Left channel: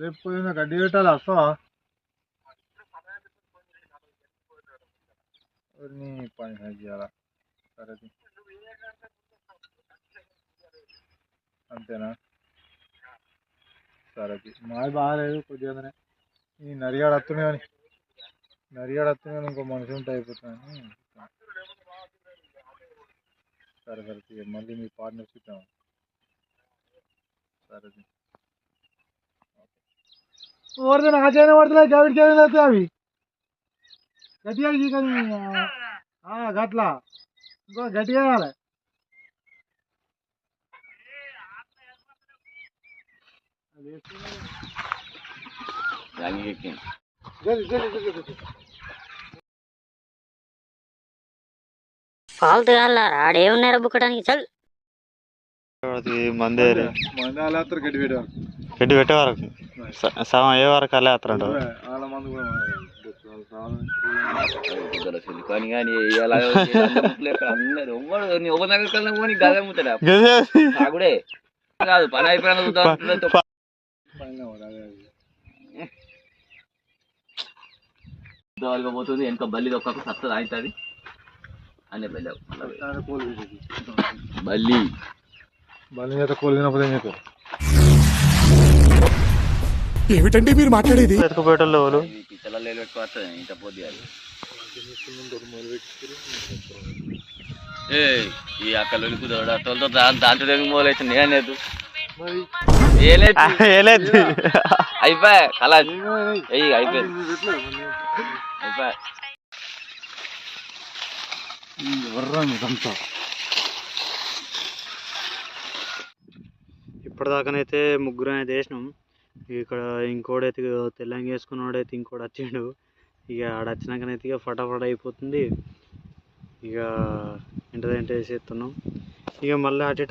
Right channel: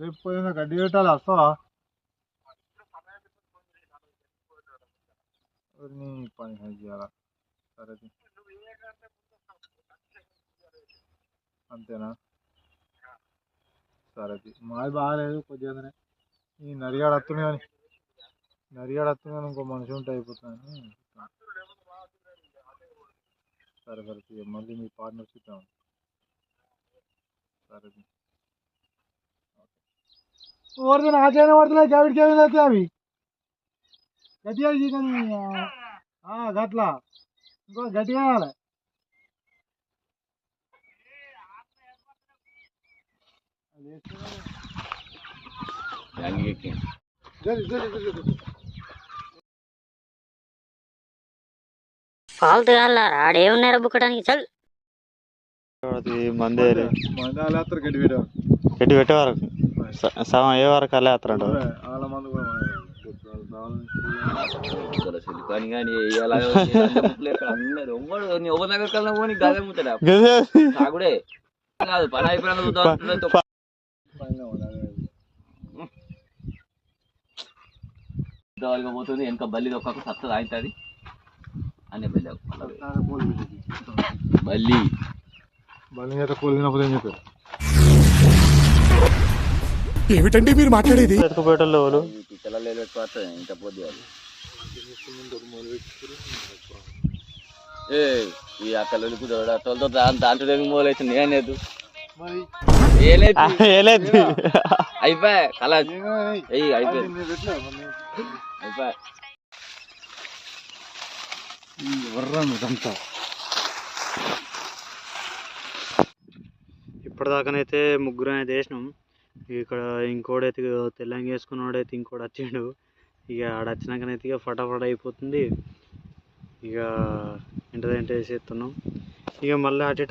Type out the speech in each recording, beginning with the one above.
రేపు పోయిన గడ్డి పెట్టాలి వస్తావా? నీ పని చేయాలా? సరే అంతేనా? సరే మాది బాగాలేదు కొద్దిగానే. ఈ నరిగాడు వస్తుంది కానీ ఇంకో మనిషి ఉంటే అయిపోతుందని. సరే మళ్ళీ మీ పార్ట్నర్స్ ఇద్దాం. సరే ఓడితే నా చేయన పడుతున్నాయి గవిడి చేయన అయితే అవి గట్టిగా కానీ గట్లా ఇంకో గట్టిగా వేయాలి. ఫాల్తు ఆడేమన్నారా బుక్కడానికి చల్ మంది గడ్డి పెట్టే వరకు సగం ఏ వరకు అలా వేస్తారంట. వాళ్ళ మంది కూడా కాదు పని అయిపోయిన పోతుంది వెనక బల్లి ఒక్కకు సత్తది అవుతుంది అనే బల్లి బల్లి బల్లి మీద కోలినప్పుడు మీకు ఏమిటండి మీరు మాట్లాడేది? ఎత్తుకుపోయేటోళ్ళు పిల్లలు ఎక్కువ వస్తుంది ఇంత పొద్దు ఈ అక్కలు కుదరడు దాంట్లో దగ్గర మొదలైతే నేనేది అయిపోయా కళ అయిపోయింది అయిపోయా. ఇప్పటిదాకానైతే ముగ్గురు అయితే వేసినాం. ఇక్కడ ఇంకోడైతే తెల్లంగా వేసుకున్నాడైతే ఇంకోటి వచ్చిండు. ఇక ఆడ వచ్చినాకనైతే ఇక ఫటాఫట అయిపోతుంది. ఇక ఏంటంటే వేసేస్తున్నాం. ఇక మళ్ళీ అటు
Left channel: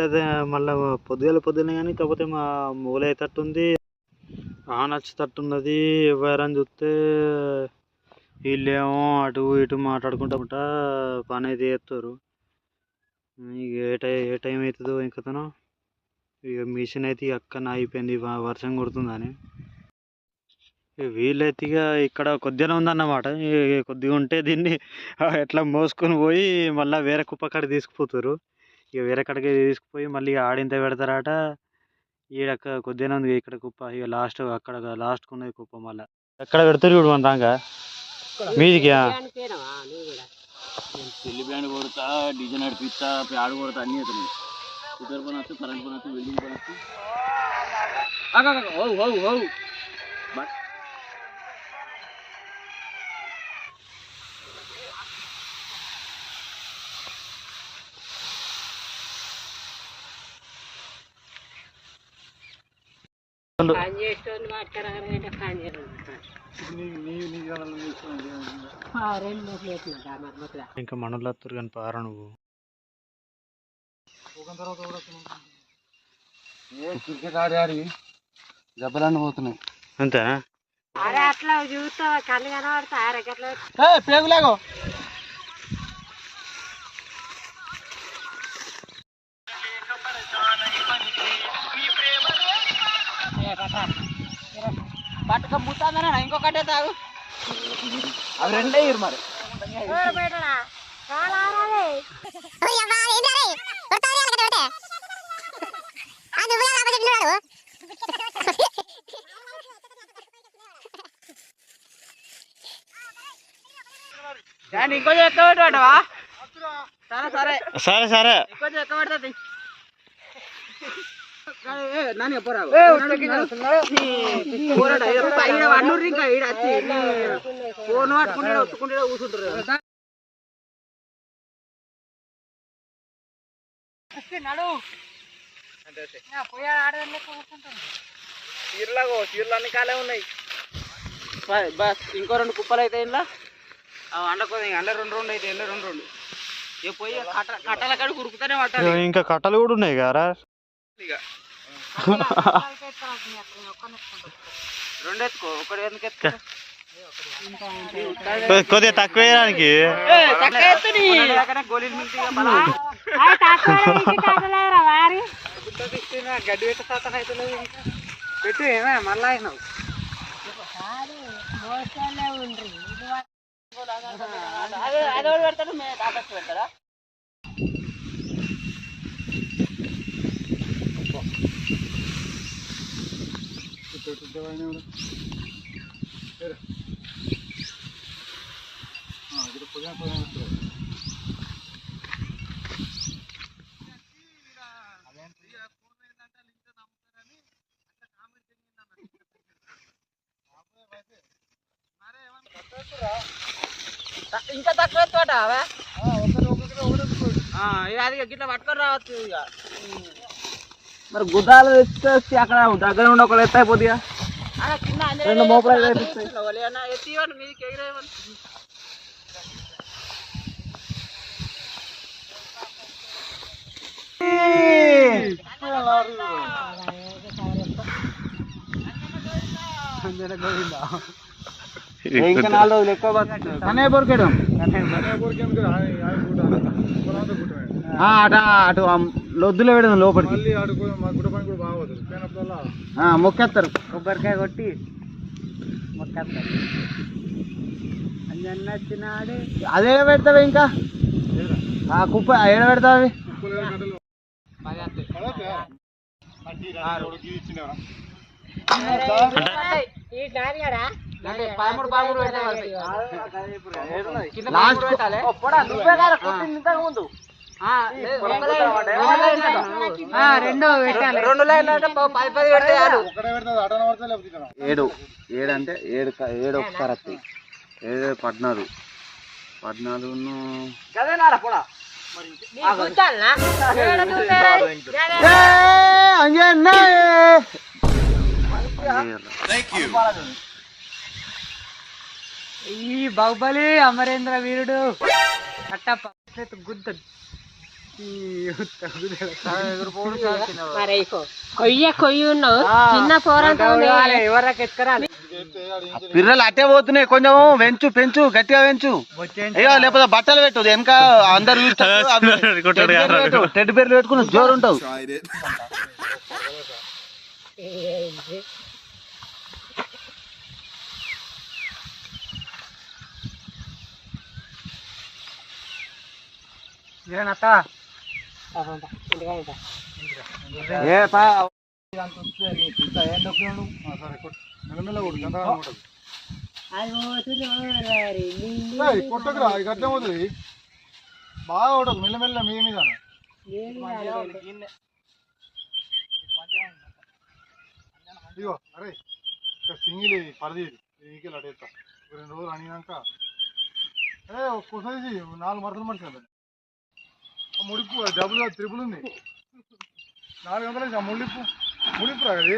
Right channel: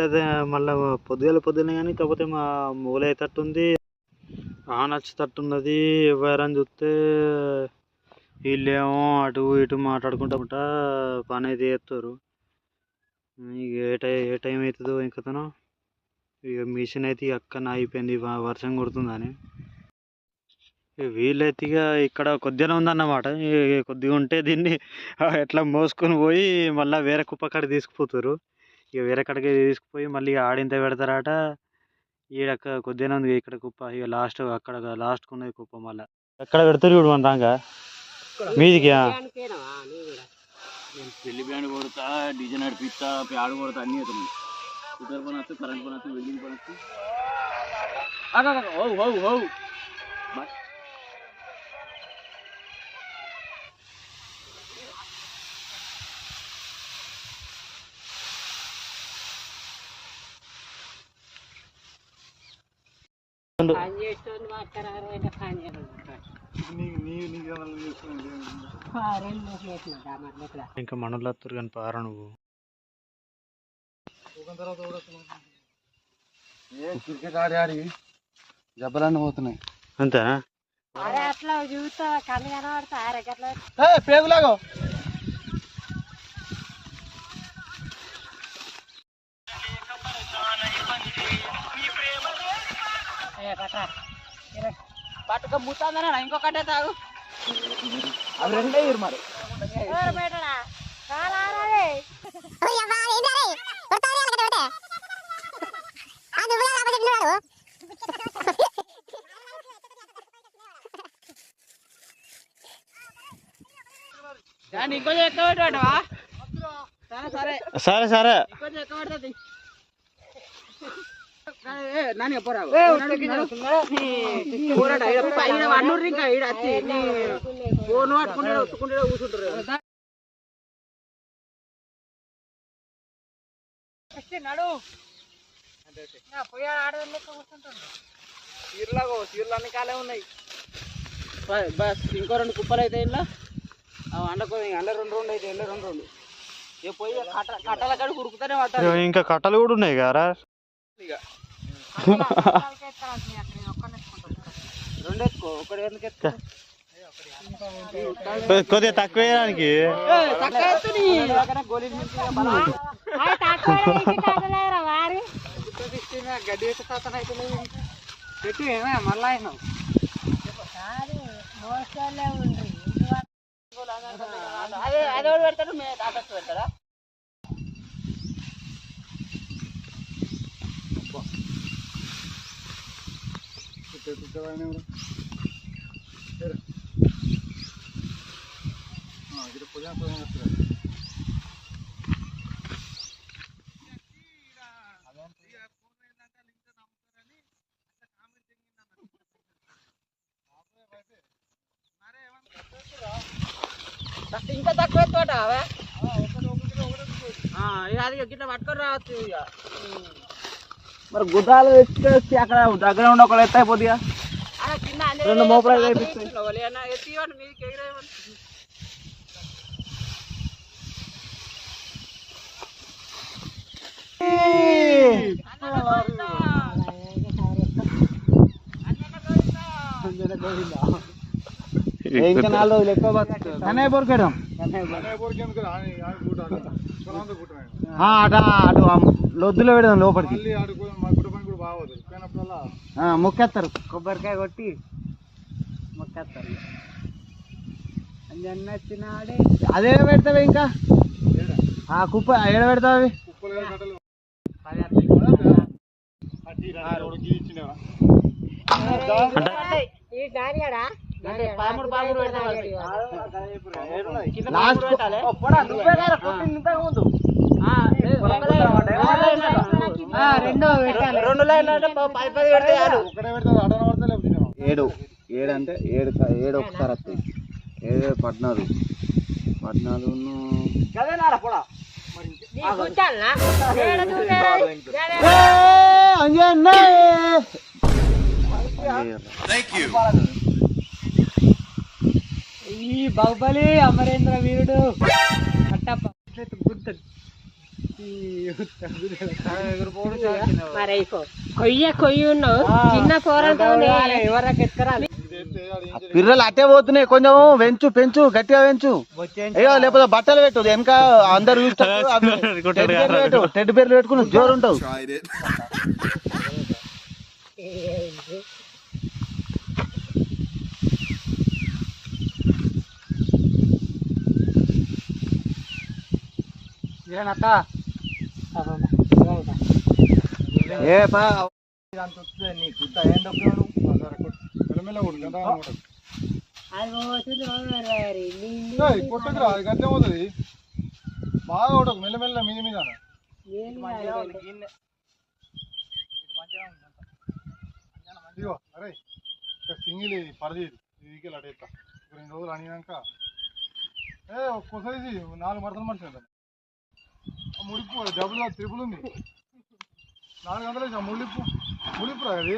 మళ్ళీ పొద్దుగానే కానీ కాకపోతే మా మూలైతట్టుంది నచ్చేటట్టున్నది. ఎవరైనా చూస్తే వీళ్ళేమో అటు ఇటు మాట్లాడుకుంటా పని అయితే చేస్తారు. ఇక ఏ టైం అవుతుందో ఇంకతను ఇక మిషన్ అయితే అక్కన అయిపోయింది వర్షం కొడుతుందని. వీళ్ళైతే ఇక ఇక్కడ కొద్దిగానే ఉందన్నమాట. కొద్దిగా ఉంటే దీన్ని ఎట్లా మోసుకొని పోయి మళ్ళీ వేరే కుప్ప కాడికి తీసుకుపోతారు. ఇక వేరే కాడికి తీసుకుపోయి మళ్ళీ ఆడింత పెడతారట. ఈడ కొద్దిగానే ఉంది ఇక్కడ కుప్ప. ఇక లాస్ట్ అక్కడ లాస్ట్కి ఉన్నది కుప్ప. మళ్ళీ ఎక్కడ పెడతారు ఇప్పుడు మన దాకా మీదికి పెళ్లి బ్యాండ్ కొడతా డీజే నడిపిస్తా ప్యాడ్ కొడతా అన్నీ అవుతున్నాయి. కుక్కర్ పని వస్తే కరెంట్ పని వస్తే వెల్డింగ్ పని వస్తే ఇంకా మనలో వస్తారు కానీ పారా నువ్వు క్రికెట్ ఆడి దెబ్బలన్నీ పోతున్నాయి అంతేనా? పేగులాగో పట్టుకపోతాను ఇంకొకటే తాగు అవి రెండే మరి ఇంకో ఎక్క పెట్టవా? సరే సరే సరే ఇంకో ఎక్క పెడుతుంది. ఫోన్ పట్టుకుంటే ఒత్తుకుంటే కూర్చుంటారు. పోయా ఆడలెక్క కూర్చుంటారు. చీరలు అన్ని కాలే ఉన్నాయి. బస్ ఇంకో 2 కుప్పలు అయితే ఇలా అండకో అండ 2 అయితే ఎండ 2 ఇక పోయి కట్టల కాడ ఉరుకుతానే పట్టాలి. ఇంకా కట్టలు కూడా ఉన్నాయి కదా ఇక 2 ఎత్తుకో ఒకటి ఎందుకు ఎత్తుకో కొద్దిగా తక్కువ వేయడానికి గోళీలు మించి బలం గడ్డి పెట్టే శాతం అయితే పెట్టు ఏమే మళ్ళా అయినావు అదే పెడతాడు ఆపస్ పెడతాడా ఇంకా తక్కువ తోట అది గిట్లా పట్టుకొని రావచ్చు ఇక మరి గుడ్డాలు తెచ్చి అక్కడ దగ్గర ఉండి ఒకళ్ళు ఎత్తా అయిపోద్దిగా రెండు మోపడాలు ఇంకా 4 రోజులు ఎక్కువ కన్నయ్య బొరకడం అటు లొద్దులో వేయడం లోపలికి మొక్కేస్తారు కొబ్బరికాయ కొట్టి మొక్కేస్తారు వచ్చినాడే అదే పెడతావు ఇంకా కుప్ప ఏడ పెడతావు అవి రెండు లైన్లు అంటే 10 పెడితే చాలు 7 అంటే 7 ఒకసారి వస్తాయి 7 14 ఈ బాహుబలి అమరేంద్ర వీరుడు అట్టప్ప గుద్ద కొయ్యి ఉన్నావు చిన్న పిల్లలు అట్టే పోతున్నాయి కొంచెం పెంచు గట్టిగా పెంచు అయ్యో లేకపోతే బట్టలు పెట్టు వెనక అందరు టెడ్ పేర్లు పెట్టుకుని జోరు ఉంటావు కొట్టకురా గట్టే పోతుంది బాగా కొట్టకు మెల్లమెల్ల మీద మీద ఇగో అరే సింగిల్ పరది ఇది అటు ఎత్తా 2 రోజులు అనినాక ఒక్కోసారి 4 మడతలు మడిచింది ముడిపు డబ్బులు త్రిపుల్ ఉంది 400 ముడిపు రా అది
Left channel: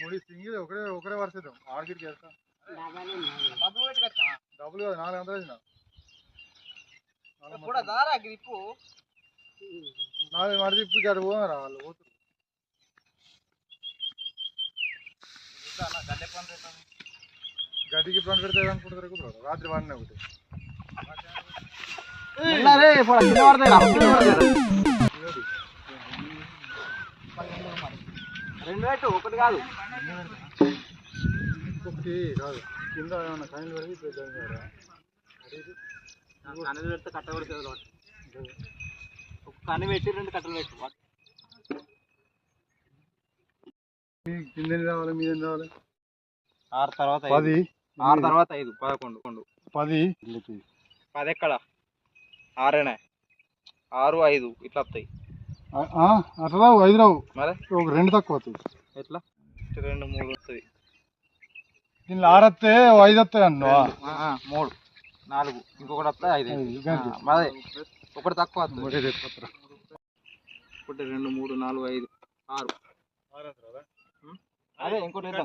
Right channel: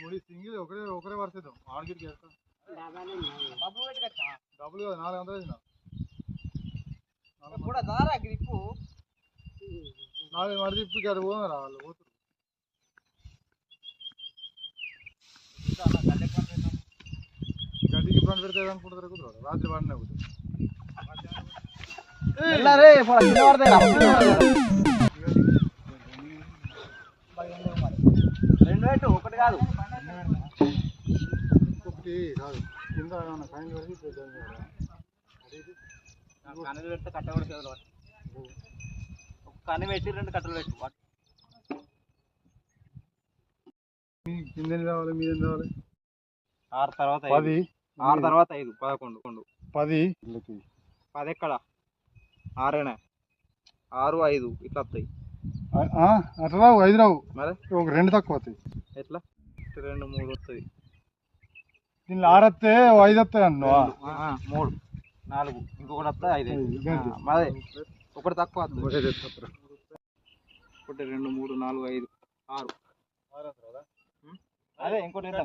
ముడి సింగిల్ ఒకరే వరుసేద్దాం ఆడికి వెళ్తాం డబ్బులు కదా 400 వేసిన 4 మడి తిప్పి అటు పోరా వాళ్ళు పోతారు గడ్డికి పని పెడతాడు అనుకుంటారు కుదరదు రాత్రి వాడినే ఒకటి ఒకటి కాదు కాదు కింద ఏమన్నా కనీలు పెడితే కన్నెలు పెడితే కట్టబడి ఒక కన్ను పెట్టి 2 కట్టలు పెట్టు కింద కావాలి మీద కావాలి 6 తర్వాత 10 6 తర్వాత 5 11 10 ఎక్కడ 6 5 ఇట్లా వస్తాయి అట్లా రావు 5 రావు మరి ఒక 2 తక్కువ వస్తాయి ఎట్లా 2 3 వస్తుంది దీనిలో 6 వస్తే 5 వస్తాయి అన్న 3 4 ఇంకొకటి వస్తే 5 మరి ఒకటి తక్కువ వస్తుంది 1 2 3 4 5 6 అదే ఇంకోటి 6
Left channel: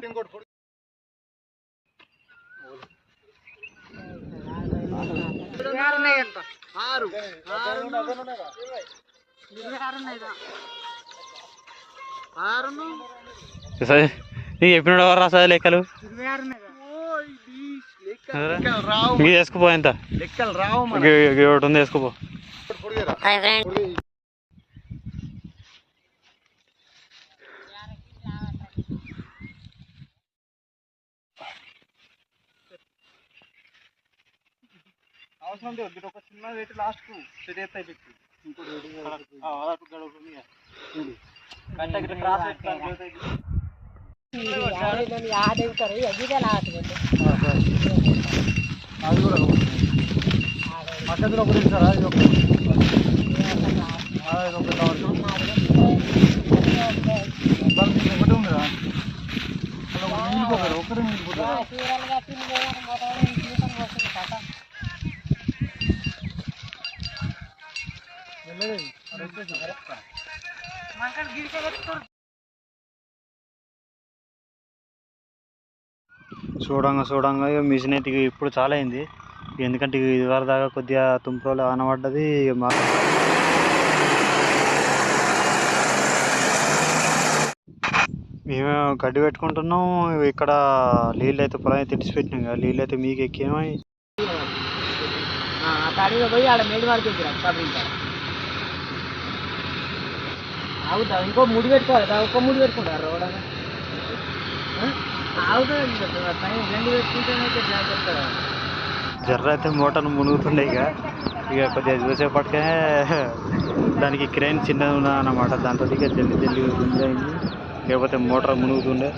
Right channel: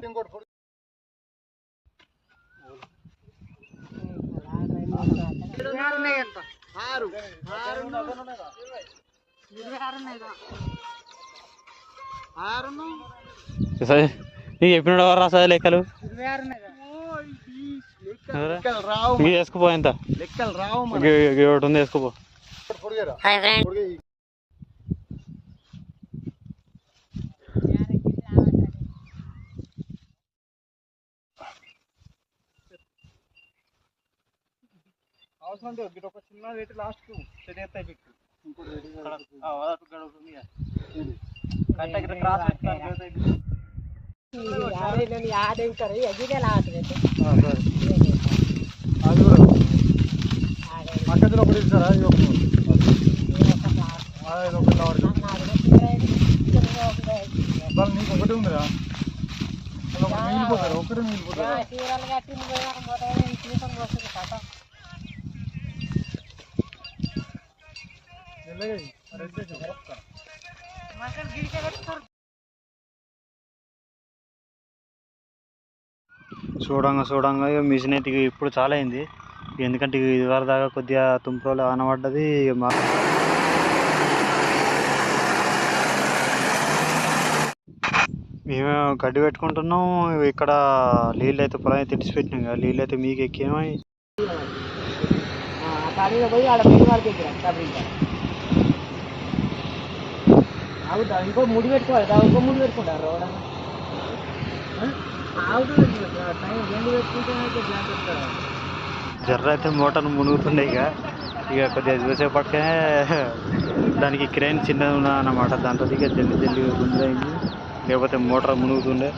నీకు చెప్పినాడు ఎవరు రాసా లెక్కలు 26 ఉన్నాయి కదా. రావు ఇంక వేసుకుపో ఎంత లెక్కలు రావు ఒకటి ఉంది వేసుకుపో. అవసరం లేదు ఒక చిన్న వెయిట్ లాస్ట్ కు సెట్ అవుతాయి పెట్టి అది కూడా మధ్యలో ఒకటి ఇస్తారా ఇది ఒకటి ఒకటి ఉందా మిగిలిపోతారు ఒకటి మిగిలిపోతారు చూడంగా ఇక మిషన్ అయితే ఇప్పుడు చాలా అయింది. ఎందుకంటే ఇది వరకు దాకా కొద్దిగా తుంపరోలు ఆనబడ్డది. మేము గడ్డి పెట్టుకుంటున్నాం. ఇక్కడ నీళ్ళు అయితే పొలం అయితే తెడిచిపెట్టినాం కదా, నీళ్ళు అయితే మీకు ఎక్కేమో అడిగి పోయి ఆడ మెయిన్ వాడికి ఎక్కిరా. అవుతా ఇంకో ముడి పెట్టుకోవాలి, ఇంకో ముడి పెట్టుకుంటారు రోడ్ జర్ర అయితే మోటార్ మునుగుతుండే. ఇక కొద్దిగా చూసేపటికే దానికి క్రేన్ చిన్నది ఉన్నదన్నమాట. దాంతో ఇక జల్లి గుంజైంది, లేకపోతే మోటార్ మునుగుతుండే.